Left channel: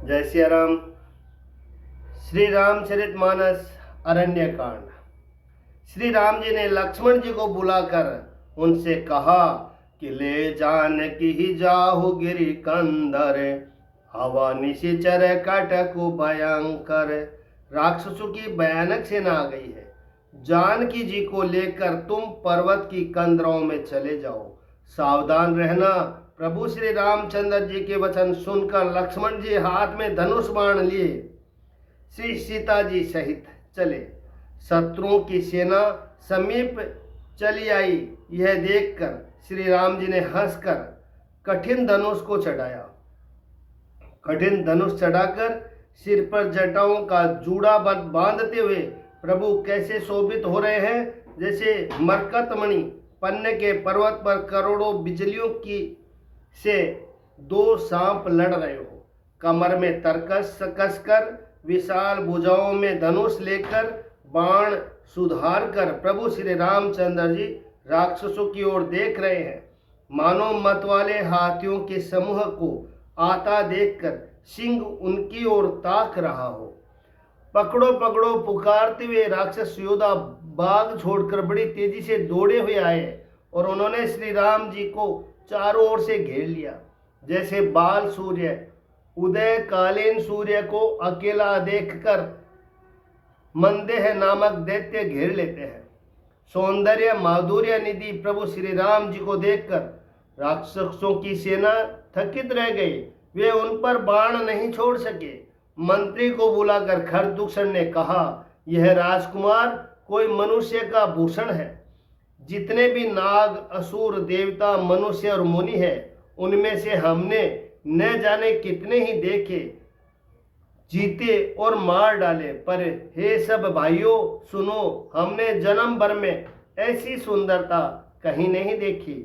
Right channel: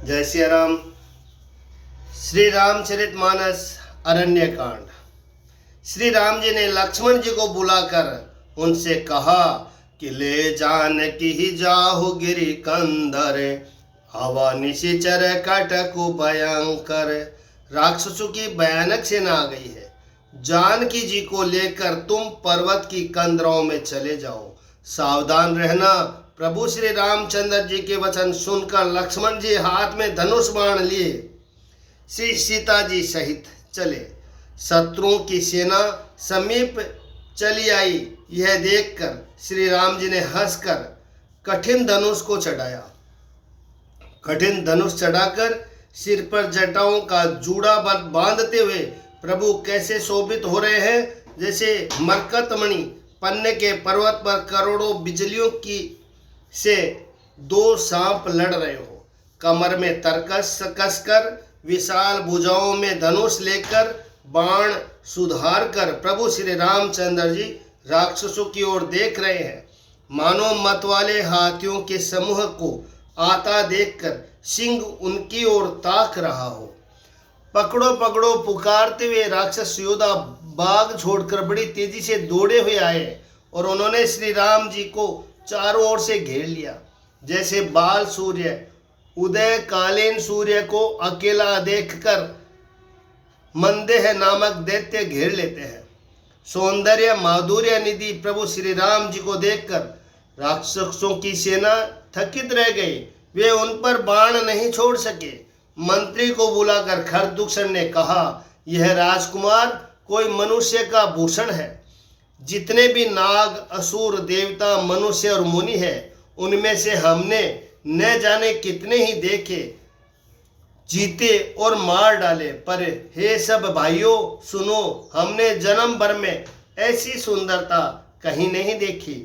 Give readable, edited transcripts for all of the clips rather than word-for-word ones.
जय सिया राम। श्री रामचरितमानस अरण्य कांड। श्री राम जी ने लक्ष्मण जी को बुलाकर उनसे कहा कि ले जानकी ही जाहु गिरि कंदर, हवा निशिचर कटकु भयंकर। राक्षसों की भयानक सेना आ गई है। जानकी जी को लेकर तुम पर्वत की कंदरों में चले जाओ, सावधान रहना। प्रभु श्री रामचंद्र जी के वचन सुनकर लक्ष्मण जी हाथ में धनुष बाण लिए श्री सीता जी सहित चले। शत्रुओं की सेना समीप चली आई। यह देखकर श्री राम जी ने हंसकर कठिन धनुष को चढ़ाया। कठिन धनुष चढ़ाकर सिर पर जटाओं का जूड़ा बांधते हुए प्रभु कैसे शोभित हो रहे हैं, जैसे मरकतमणि पन्ने के पर्वत पर करोड़ों बिजलियों की से दो सांप लड़ रहे हो। कमर में तरकस कसकर विशाल भुजाओं में धनुष लेकर बाण सुधार कर प्रभु श्री रामचंद्र जी राक्षसों की ओर देख रहे हैं। मानो मतवाले हाथियों के समूह को आता देखकर सिंह उनकी ओर ताक रहा हो। पकड़ो पकड़ो पुकारते हुए राक्षस योद्धा बाग छोड़कर बड़ी तेजी से दौड़े हुए आए और उन्होंने श्री राम जी को चारों ओर से घेर लिया। जैसे बाल सूर्य उदय कालीन सूर्य को अकेला देखकर मंदेह नामक दैत्य घेर लेते हैं। सौंदर्य माधुर्य निधि प्रभु श्री राम जी को देखकर राक्षसों की सेना थकित रह गई। वे उन पर बाण नहीं छोड़ सके। मंत्री को बुलाकर खरदूषण ने कहा, यह राजकुमार कोई मनुष्य का भूषण है। जितने भी नाग असुर देवता मनुष्य और मुनि है, उनमें से हमने न जाने कितने ही देखे, जीते और मार डाले, पर हे सब भाइयों सुनो, हमने जन्म भर में ऐसी सुंदरता कहीं नहीं देखी।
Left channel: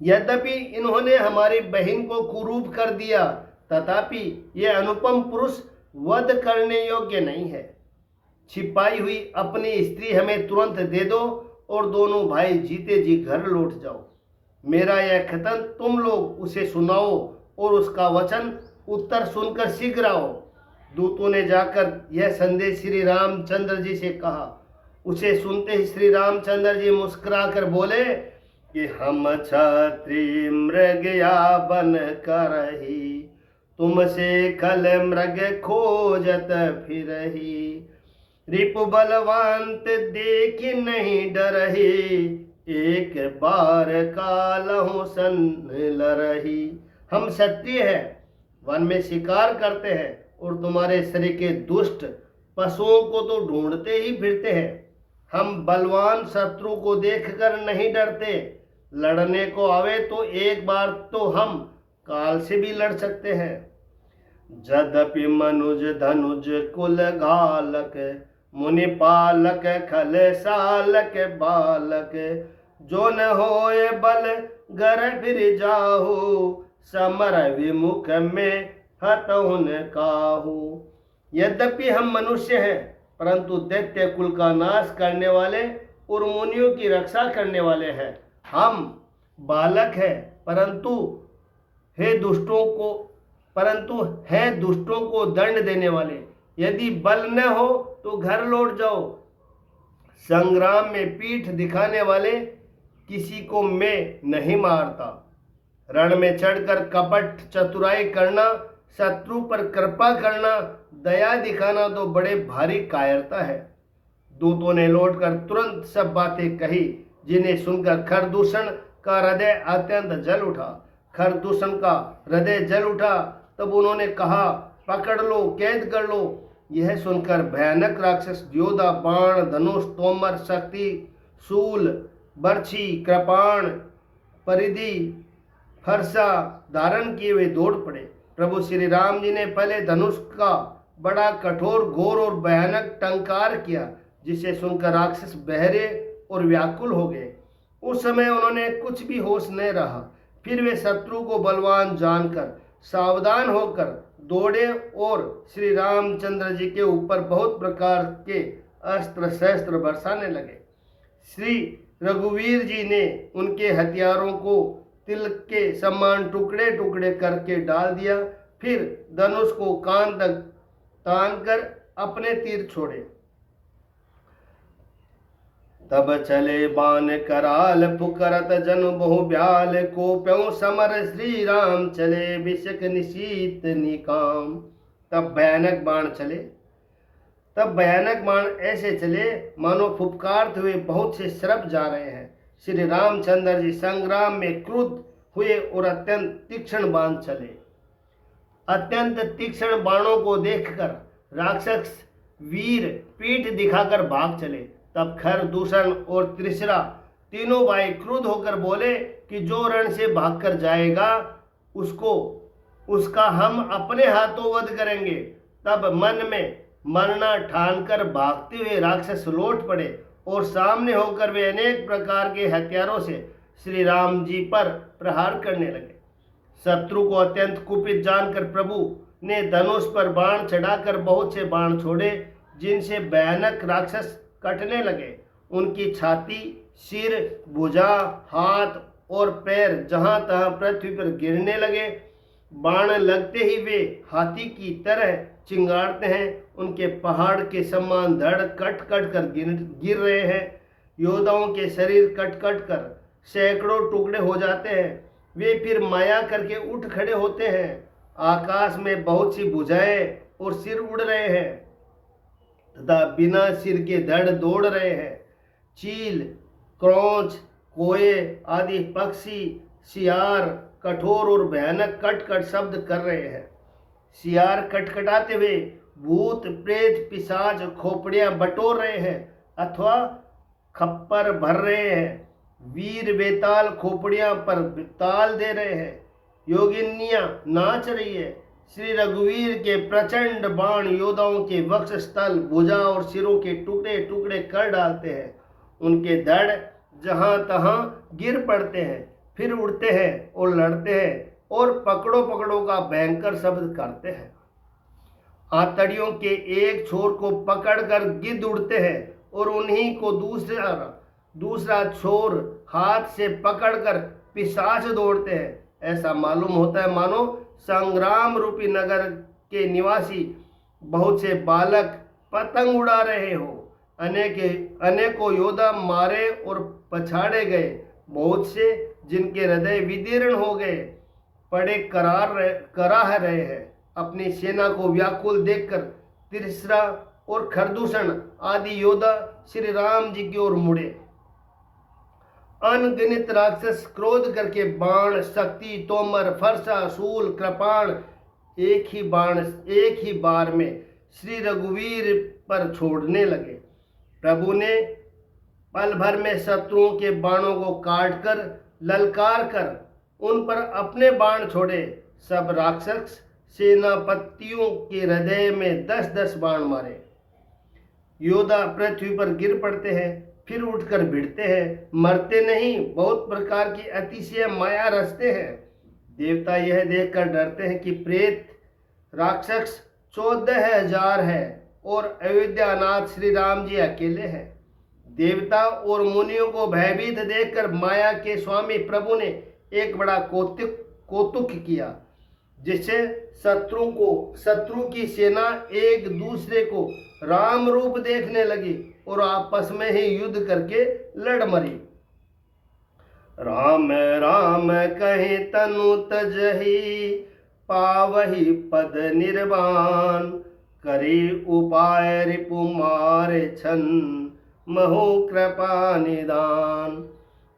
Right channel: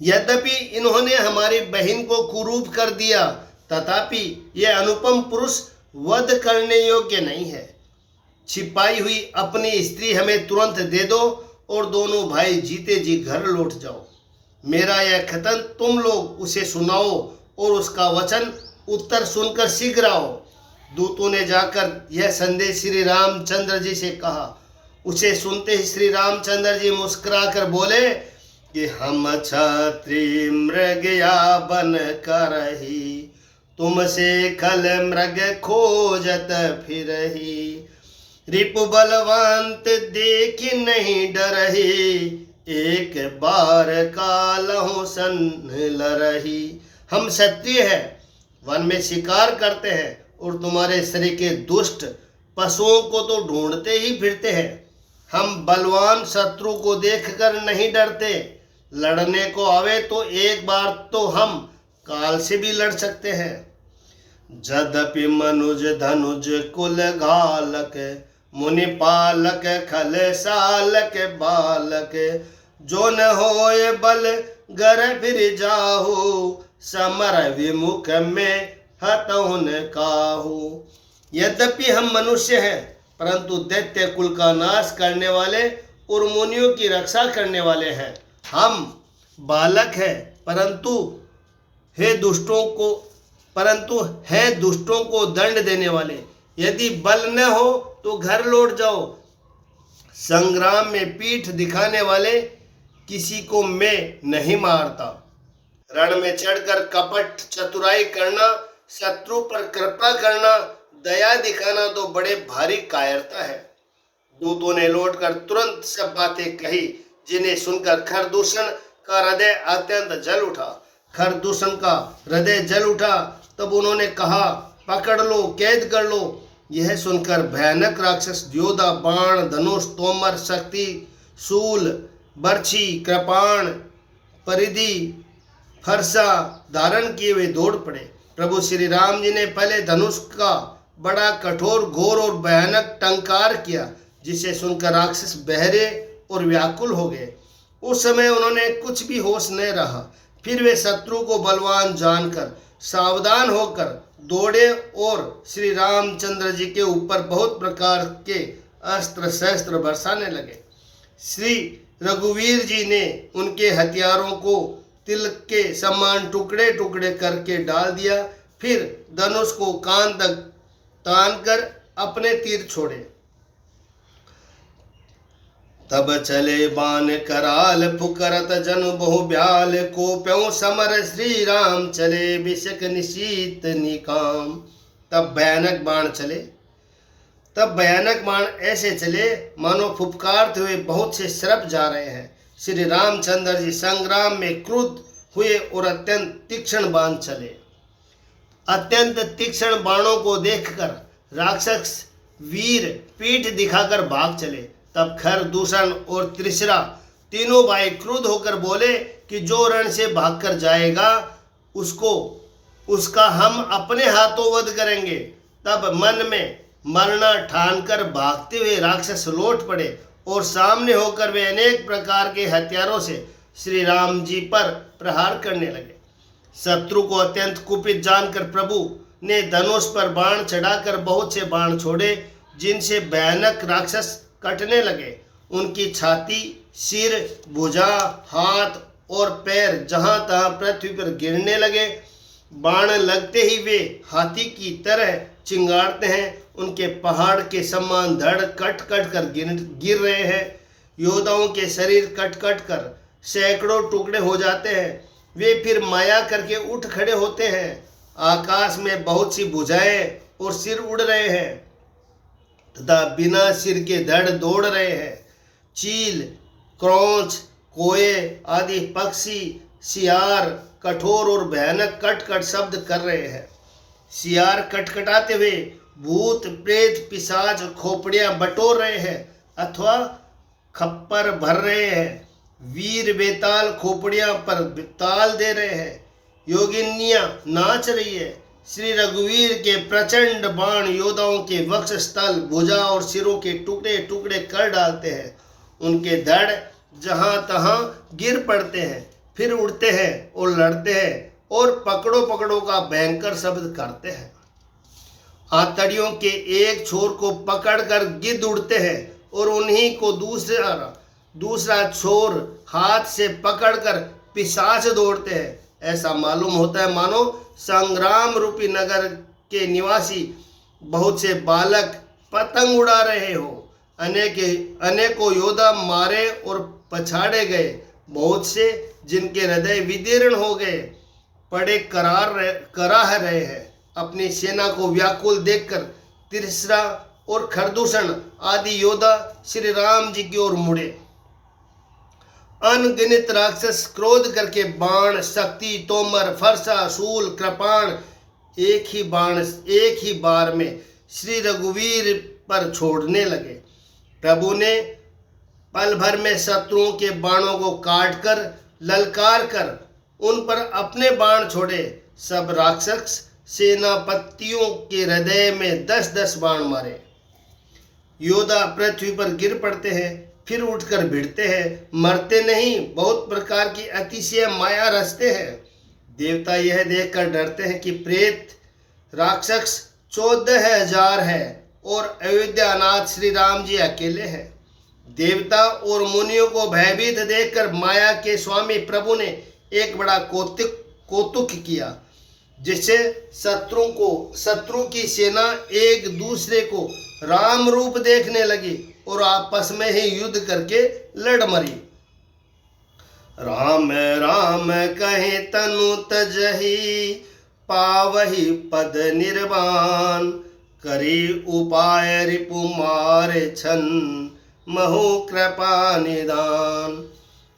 यद्यपि इन्होंने हमारी बहन को कुरूप कर दिया, तथापि यह अनुपम पुरुष वध करने योग्य नहीं है। छिपाई हुई अपनी स्त्री हमें तुरंत दे दो और दोनों भाई जीते जी घर लौट जाओ। मेरा यह कथन तुम लोग उसे सुनाओ और उसका वचन उत्तर सुनकर शीघ्र आओ। दूतों ने जाकर यह संदेश श्री रामचंद्र जी से कहा। उसे सुनते ही श्री रामचंद्र जी मुस्कुराकर बोले कि हम क्षत्रिय मृग या बन करही, तुमसे खल मृग खोजत फिरही। रिपु बलवंत देख नहीं डरही, एक बार कालहु सन लरही। हम क्षत्रिय हैं, वन में शिकार करते हैं और तुम्हारे शरीर के दुष्ट पशुओं को तो ढूंढते ही फिरते हैं। हम बलवान शत्रु को देखकर नहीं डरते। लड़ने को आवे तो एक बार तो हम काल से भी लड़ सकते हैं। जदपि मनुज धनुज कुल घालक, मुनि पालक खल सालक बालक। जो न होए बल गर फिर जाहु, समर विमुख में हतहुन काहू। यद्यपि हम मनुष्य हैं, परंतु दैत्य कुल का नाश करने वाले और मुनियों की रक्षा करने वाले हैं। हम बालक हैं, परंतु हैं दुष्टों को दंड देने वाले। यदि बल न हो तो घर लौट जाओ। संग्राम में पीठ दिखाने वाले किसी को मैं नहीं मारता। रण में चढ़कर कपट चतुराई करना, शत्रु पर कृपा करना, दया दिखाना तो बड़े भारी कायरता है। दूतों ने लौटकर तुरंत सब बातें कही, जिन्हें सुनकर खरदूषण का हृदय अत्यंत जल उठा। खरदूषण का हृदय जल उठा। तब उन्होंने कहा, पकड़ लो, कैद कर लो। यह सुनकर भयानक राक्षस योद्धा बाण धनुष तोमर शक्ति शूल बर्छी कृपाण परिधि फरसा धारण किए हुए दौड़ पड़े। प्रभु श्री राम जी ने पहले धनुष का बड़ा कठोर घोर और भयानक टंकार किया, जिसे सुनकर राक्षस बहरे और व्याकुल हो गए। उस समय उन्होंने कुछ भी होश न रहा। फिर वे शत्रु को बलवान जानकर सावधान होकर दौड़े और श्री रामचंद्र जी के ऊपर बहुत प्रकार के अस्त्र शस्त्र बरसाने लगे। श्री रघुवीर जी ने उनके हथियारों को तिल के समान टुकड़े टुकड़े करके डाल दिया। फिर धनुष को कान तक तान कर अपने तीर छोड़े। तब चले बाण कराल पुकरत जनु बहु ब्याल को प्यों समर श्री राम चले बिशक निशीत निकाम। तब भयानक बाण ऐसे चले मानो फुफकारते हुए बहुत से सरप जा रहे हैं। श्री रामचंद्र जी संग्राम में क्रुद्ध हुए और अत्यंत तीक्ष्ण बाण चले। अत्यंत तीक्ष्ण बाणों को देखकर राक्षस वीर पीठ दिखाकर भाग चले। तब खर, दूषण और त्रिशरा तीनों भाई क्रुद्ध होकर बोले कि जो रण से भागकर जाएगा उसका हम अपने हाथों वध करेंगे। तब मन में मरना ठानकर भागते हुए राक्षस लौट पड़े और सामने होकर वे अनेक प्रकार के हथियारों से श्री राम जी पर प्रहार करने लगे। शत्रु को अत्यंत कुपित जानकर प्रभु ने धनुष पर बाण चढ़ाकर बहुत से बाण छोड़े, जिनसे भयानक राक्षस कटने लगे। उनकी छाती, सिर, भुजा, हाथ और पैर जहां तहां पृथ्वी पर गिरने लगे। बाण लगते ही वे हाथी की तरह चिंगारते हैं। उनके पहाड़ के समान धड़ कट कट कर गिर रहे हैं। योद्धाओं के शरीर कट कट कर सैकड़ों टुकड़े हो जाते हैं। वे फिर माया करके उठ खड़े होते हैं। आकाश में बहुत सी भुजाएं और सिर उड़ रहे हैं तथा बिना सिर के धड़ दौड़ रहे हैं। चील, क्रौंच, कोए आदि पक्षी, सियार कठोर और भयानक कट कट शब्द कर रहे हैं। सियार कटकटाते हुए भूत, प्रेत, पिशाच खोपड़ियां बटोर रहे हैं अथवा खप्पर भर रहे हैं। वीर बेताल खोपड़ियां पर ताल दे रहे हैं। योगिनियां नाच रही है। श्री रघुवीर के प्रचंड बाण योद्धाओं के वक्षस्थल, भुजा और सिरों के टुकड़े टुकड़े कर डालते हैं। उनके धड़ जहां तहां गिर पड़ते हैं, फिर उड़ते हैं और लड़ते हैं और पकड़ो पकड़ो का भयंकर शब्द करते हैं। आतड़ियों के एक छोर को पकड़कर गिद्ध उड़ते हैं और उन्हीं को दूसरा छोर हाथ से पकड़कर पिशाच दौड़ते हैं। ऐसा मालूम होता है मानो संग्राम रूपी नगर के निवासी बहुत से बालक पतंग उड़ा रहे हो। अनेकों योद्धा मारे और पछाड़े गए। बहुत से जिनके हृदय विदीर्ण हो गए पड़े कराह रहे हैं। अपनी सेना को व्याकुल देखकर त्रिशरा और खरदूषण आदि योद्धा श्री राम जी की ओर मुड़े। अनगिनत राक्षस क्रोध करके बाण, शक्ति, तोमर, फरसा, शूल, कृपाण एक ही बार में श्री रघुवीर पर छोड़ने लगे। प्रभु ने पल भर में शत्रुओं के बाणों को काटकर ललकार कर उन पर अपने बाण छोड़े। सब राक्षस सेनापतियों के हृदय में 10-10 बाण मारे। योद्धा पृथ्वी पर गिर पड़ते हैं, फिर उठकर भिड़ते हैं, मरते नहीं, बहुत प्रकार की अतिशय माया रचते हैं। देवता यह देखकर डरते हैं कि प्रेत राक्षस 14,000 है और अयोध्यानाथ श्री राम जी अकेले हैं। देवता और मुनियों को भयभीत देखकर माया के स्वामी प्रभु ने एक बड़ा कौतुक किया, जिससे शत्रु की सेना एक दूसरे को राम रूप देखने लगी और आपस में ही युद्ध करके लड़ मरी। राम राम कहे तनु तजहि पावहि पद निर्वाण करी उपाय रिपु मारे छन महु कृपा निदान।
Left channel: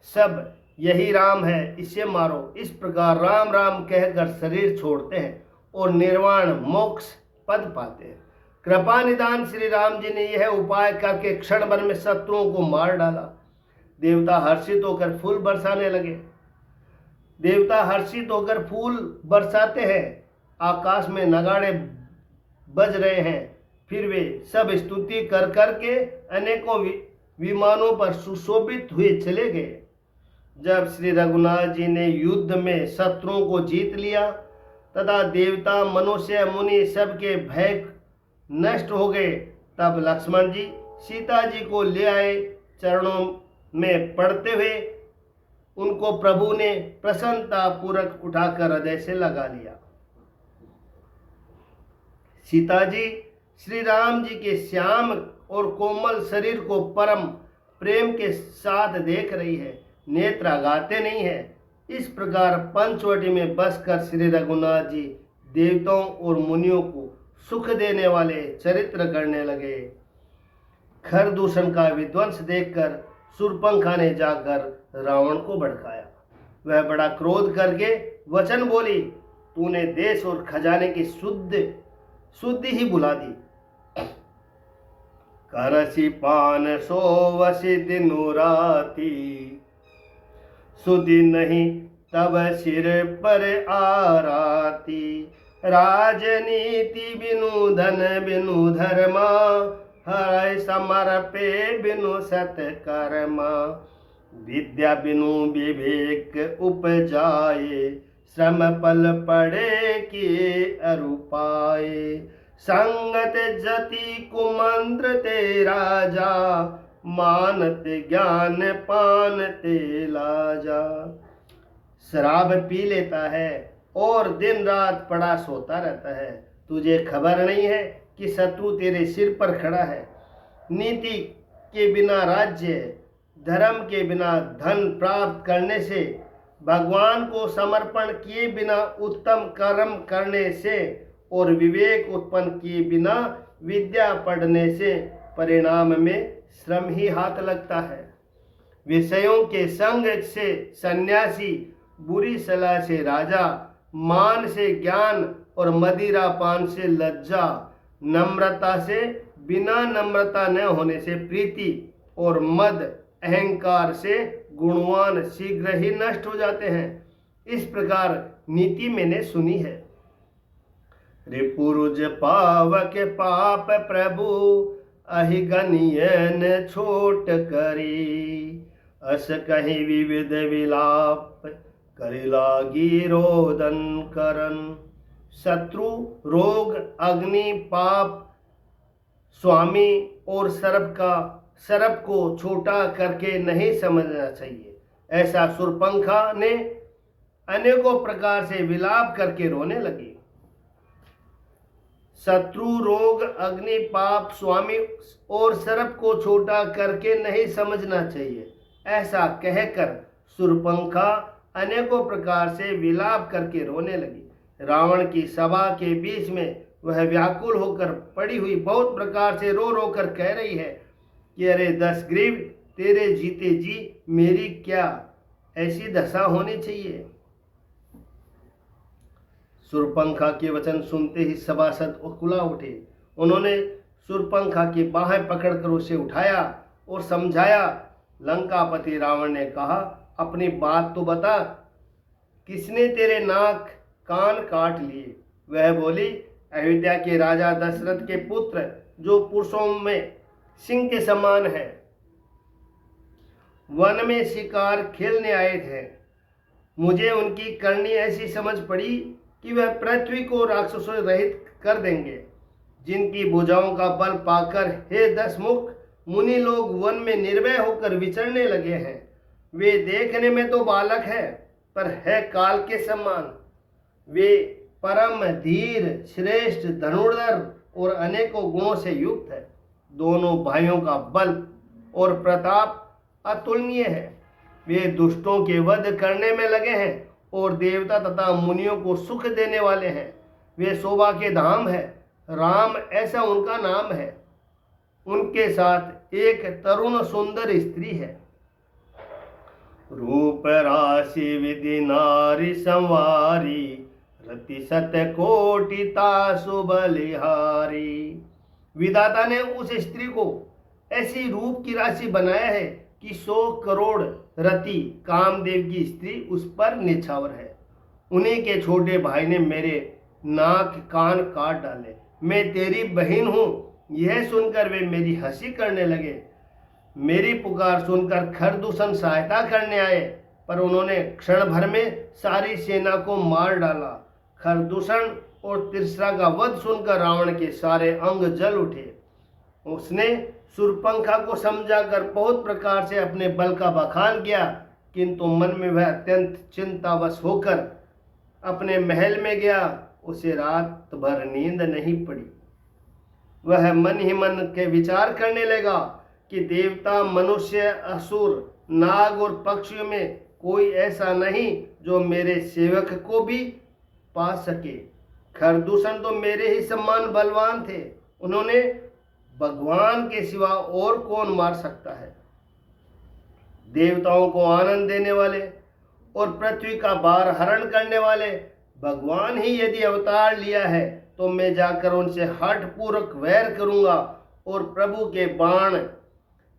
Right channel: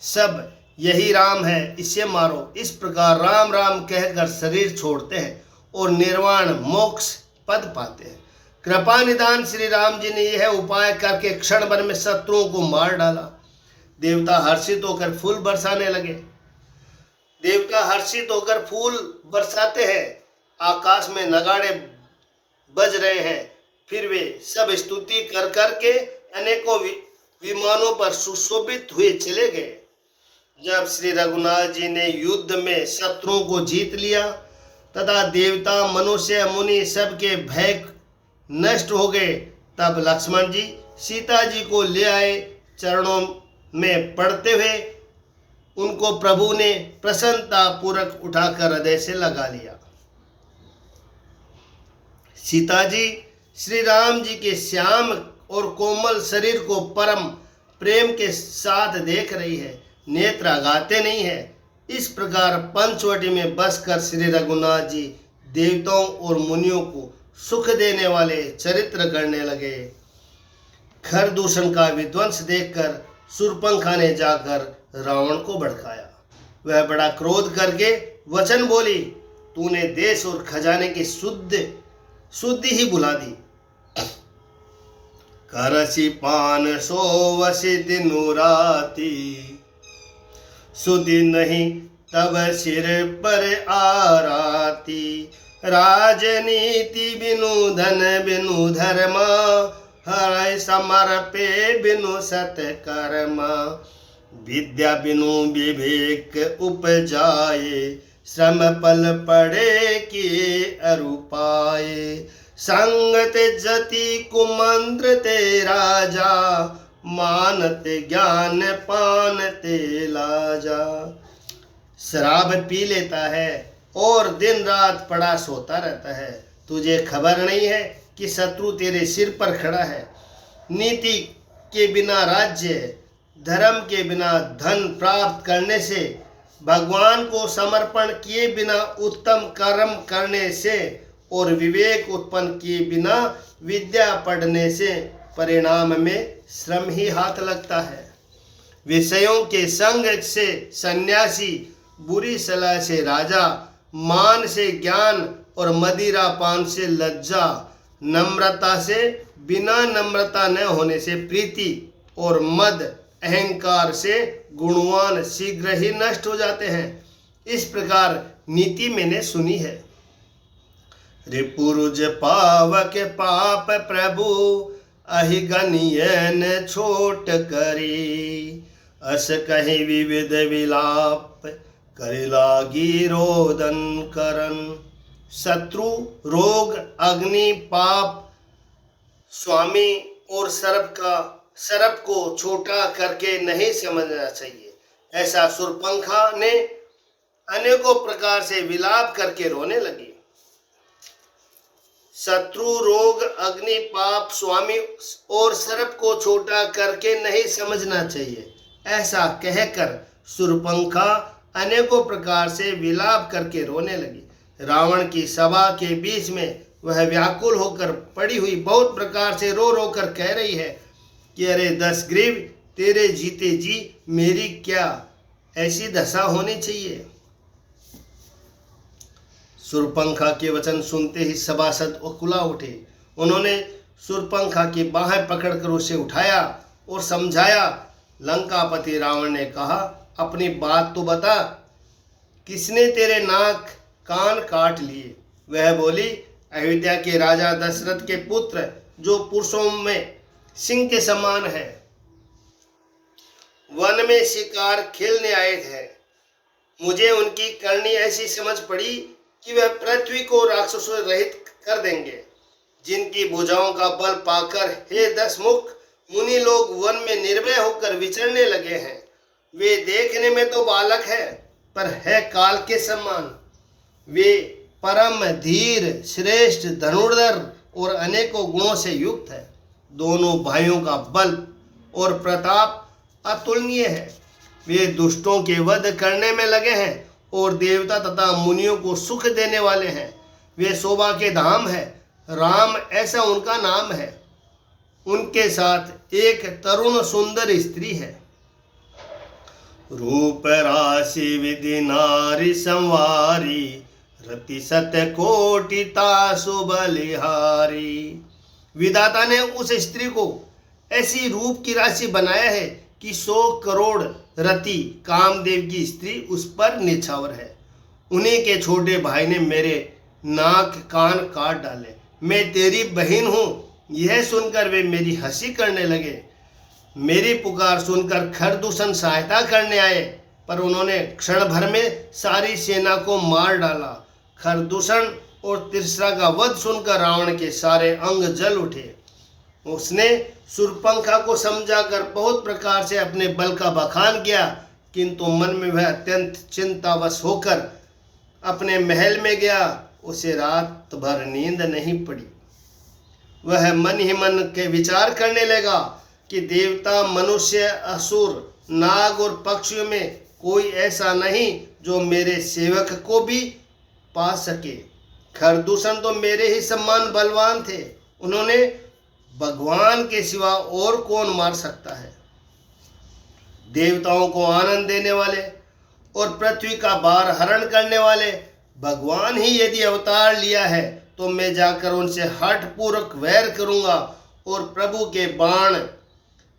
सब यही राम है, इसे मारो। इस प्रकार राम राम कहकर शरीर छोड़ते हैं और निर्वाण मोक्ष पद पाते हैं। कृपा निदान श्री राम जी ने यह उपाय करके क्षण भर में शत्रुओं को मार डाला। देवता हर्षित होकर फूल बरसाने लगे। देवता हर्षित होकर फूल बरसाते हैं। आकाश में नगाड़े बज रहे हैं। फिर वे सब स्तुति कर करके अनेकों विमानों पर सुशोभित हुए चले गए। जब श्री रघुनाथ जी ने युद्ध में शत्रुओं को जीत लिया तथा देवता, मनुष्य, मुनि सबके भय नष्ट हो गए, तब लक्ष्मण जी सीता जी को ले आए। चरणों में पड़ते हुए उनको प्रभु ने प्रसन्नता पूर्वक उठाकर हृदय से लगा लिया। सीता जी श्री राम जी के श्याम और कोमल शरीर को परम प्रेम के साथ देख रही है, नेत्र आगाते नहीं है। इस प्रकार पंचवटी में बसकर श्री रघुनाथ जी देवताओं और मुनियों को सुख देने वाले चरित्र करने लगे। खरदूषण का विध्वंस देखकर शूर्पणखा ने जाकर रावण को भड़काया। वह बड़ा क्रोध करके वचन बोली, तूने देश और खजाने की शुद्धि ही बुला दी। करसी पान सोवसी दिनु राती, सुधि नहीं तब सिर पर आराती। राजनीति बिनु धन बिनु धर्मा, हर समर्पे बिनु सत्कर्मा। विद्या बिनु विवेक उपजाए, श्रम पल पड़े किए अरुपाए। संगत जति कुमंत्र ते राजा, मानत ज्ञान पान ते लाजा। शराब पी लेता है और दिन रात पड़ा सोता रहता है। तुझे खबर नहीं है कि शत्रु तेरे सिर पर खड़ा है। नीति के बिना राज्य, धर्म के बिना धन प्राप्त करने से, भगवान को समर्पण किए बिना उत्तम कर्म करने से और विवेक उत्पन्न किए बिना विद्या पढ़ने से परिणाम में श्रम ही हाथ लगता है। विषयों के संग से सन्यासी, बुरी सलाह से राजा, मान से ज्ञान और मदिरा पान से लज्जा, नम्रता से बिना नम्रता न होने से प्रीति और मद अहंकार से गुणवान शीघ्र ही नष्ट हो जाते हैं। इस प्रकार नीति मैंने सुनी है। रिपुरुज पावक पाप प्रभु, अहिगनीय न छोट करी। अस कहीं विविध विलाप, करे लागी रोदन करन। शत्रु, रोग, अग्नि, पाप, स्वामी और सर्प को छोटा करके नहीं समझना चाहिए। ऐसा शूर्पणखा ने अनेकों प्रकार से विलाप करके रोने लगी। शत्रु, रोग, अग्नि, पाप, स्वामी और सर्प को छोटा करके नहीं समझना चाहिए। ऐसा कहकर शूर्पणखा अनेकों प्रकार से विलाप करके रोने लगी। रावण की सभा के बीच में वह व्याकुल होकर पड़ी हुई बहुत प्रकार से रो रो कर कह रही है कि अरे दशग्रीव, तेरे जीते जी मेरी क्या ऐसी दशा होनी चाहिए। शूर्पणखा के वचन सुनते ही सभासद उकुला उठे। उन्होंने शूर्पणखा की बाहें पकड़कर उसे उठाया और समझाया। लंकापति रावण ने कहा, अपनी बात तो बता, किसने तेरे नाक कान काट लिए? वह बोली, अयोध्या के राजा दशरथ के पुत्र, जो पुरुषों में सिंह के समान है, वन में शिकार खेलने आए थे। मुझे उनकी करनी ऐसी समझ पड़ी कि वह पृथ्वी को राक्षसों रहित कर देंगे। जिनकी भुजाओं का बल पाकर हे दशमुख मुनि लोग वन में निर्भय होकर विचरने लगे हैं। वे देखने में तो बालक है, पर है काल के समान। वे परम धीर, श्रेष्ठ धनुर्धर और अनेकों गुणों से युक्त है। दोनों भाइयों का बल और प्रताप अतुलनीय है। वे दुष्टों के वध करने में लगे हैं और देवता तथा मुनियों को सुख देने वाले हैं। वे शोभा के धाम है, राम ऐसा उनका नाम है। उनके साथ एक तरुण सुंदर स्त्री है। रूप राशि विधि नारी संवारी, रति सत कोटि तासु बलिहारी। विधाता ने उस स्त्री को ऐसी रूप की राशि बनाया है कि 100 करोड़ रति कामदेव की स्त्री उस पर निछावर है। उन्हीं के छोटे भाई ने मेरे नाक कान काट डाले। मैं तेरी बहन हूँ, यह सुनकर वे मेरी हंसी करने लगे। मेरी पुकार सुनकर खरदूषण सहायता करने आए, पर उन्होंने क्षण भर में सारी सेना को मार डाला। खरदूषण और तिरसरा का वध सुनकर रावण के सारे अंग जल उठे। उसने शूर्पणखा को समझाकर बहुत प्रकार से अपने बल का बखान किया, किंतु मन में वह अत्यंत चिंतावश होकर अपने महल में गया। उसे रात भर नींद नहीं पड़ी। वह मन ही मन के विचार करने लगा कि देवता, मनुष्य, असुर, नाग और पक्षियों में कोई ऐसा नहीं जो मेरे सेवक को भी पा सके। खरदूषण तो मेरे ही समान बलवान थे, उन्होंने भगवान के सिवा और कौन मार सकता है। देवताओं को आनंद देने वाले और पृथ्वी का भार हरण करने वाले भगवान ही यदि अवतार लिया है तो मैं जाकर उनसे हठपूर्वक वैर करूंगा और प्रभु के बाण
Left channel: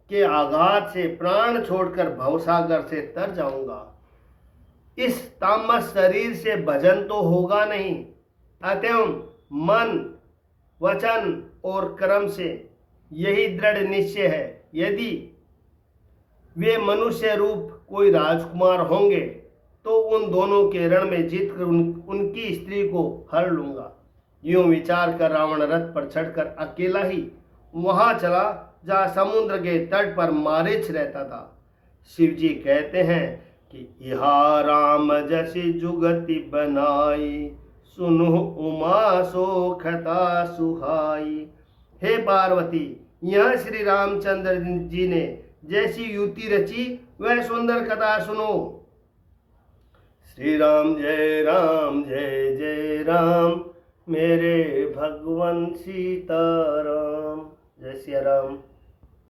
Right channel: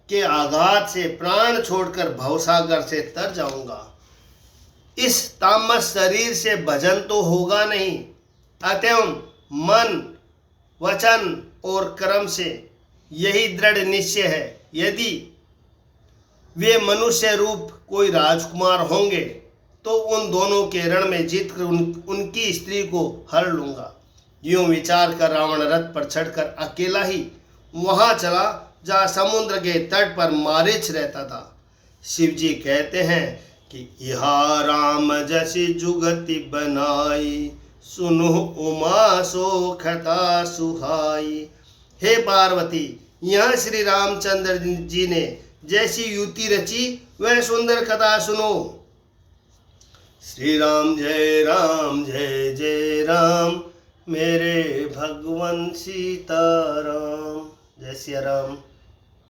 के आघात से प्राण छोड़कर भवसागर से तर जाऊंगा। इस तामस शरीर से भजन तो होगा नहीं, अतएव मन, वचन और कर्म से यही दृढ़ निश्चय है, यदि वे मनुष्य रूप कोई राजकुमार होंगे तो उन दोनों के रण में जीतकर उनकी स्त्री को हर लूंगा। यूं विचार कर रावण रथ पर चढ़कर अकेला ही वहां चला जहाँ समुद्र के तट पर मारीच रहता था। शिव जी कहते हैं कि इहा राम जैसी जुगति बनाई, सुनो उमा सोखता सुहाई। हे पार्वती, यहाँ श्री रामचंद्र जी ने जैसी युति रची वह सुंदर कथा सुनो। श्री राम जय राम, जय जय राम, मेरे भगवान सीताराम। जय सिया राम।